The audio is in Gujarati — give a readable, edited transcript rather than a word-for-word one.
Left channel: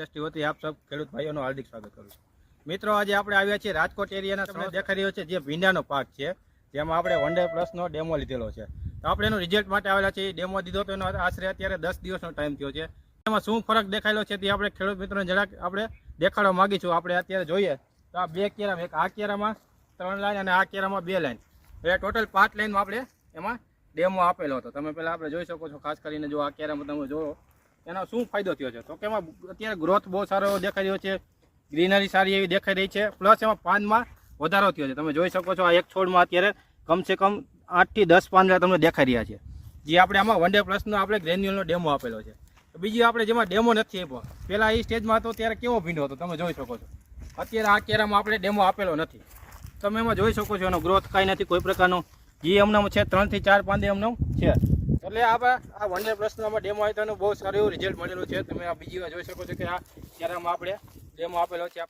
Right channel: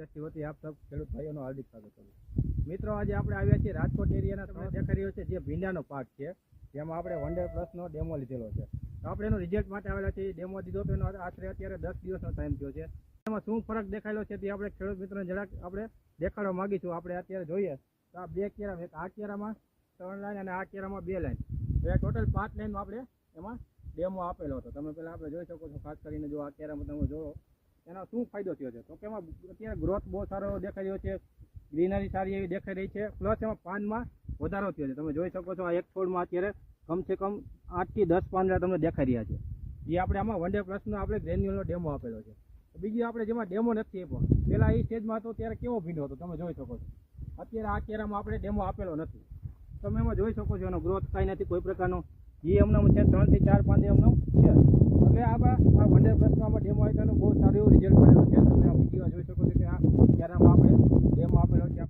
ઇન્ડસ્ટ્રી વતી આપ સૌ ખેડૂત ભાઈઓનું હાર્દિક સ્વાગત કરું છું। મિત્રો આજે આપણે આવ્યા છીએ રાજકોટ એરિયાના તમને દેખાઈ રહ્યો છે જે ભીંડાનો પાક છે, જેમાં આપણે વન ડે પ્લસનો ડેમો લીધેલો છે। તો આપણે એનું રિઝલ્ટ માટે આવેલા છીએ। ડેમો દીધો તો એનો આશરે અત્યારે 10 દિવસનો ટાઈમ થયો છે। એમાં શું ફરક દેખાયેલો છે તે આપણે ખેડૂત મિત્રોને જરાક આપણે દેખાડવા માગીશું। આપણે અત્યારે જોઈએ તો આ બે કેરામાં, એક આ કેરામાં 3 લાઈન અને આ કેરામાં 2 લાઈન, એટલે ટોટલ 5 લાઈનમાં આપણે એમાં ડેમો આપેલો હતો। તમે પહેલાં આપણે જોઈ શકો છો, ખાસ કરીને જો આ કેરામાં તમે જોવો એનો શું ફાયદો થયો છે, તો કે એમાં અત્યારે ગ્રોથ બહુ સારો એવો દેખાઈ રહ્યો છે, ગ્રીનરી સારી એવી દેખાઈ રહી છે, પ્લસ એમાં પાનમાં વધારો થયો છે। તમે જોઈ શકો છો આ એક છોડમાં અત્યારે કમસે કમ 8 થી 10 પાંદડા તમને દેખાઈ રહ્યા છે, જે આપણે આમાં વન ડે પ્લસનો આપણે ગ્રેન્યુલનો ડેમો આપેલો છે। બીજી આપણે જેમાં ડેમો નથી આપ્યો, પહેલાં એ સ્ટેજમાં હતો ત્યારે કેવો ભીંડો હતો તમે જોઈ શકો છો। અત્યારે આ કેરામાં આપણે ડેમો આપેલો નથી, તમે એમાં જોઈ શકો છો એનો ગ્રોથ કાંઈ નથી કોઈ પ્રકારનો, જે એમનામાં છે 3 થી 4 પાંદે એમનો છે। એટલે આ વન ડે પ્લસનો આમાં ડેમો આવ્યો તો બહુ સારું એવું રિઝલ્ટ મળેલું છે। તમે આ બીજી વાર જોઈ શકો છો કે આ કેરામાં આપણે ડેમો આપેલો છે।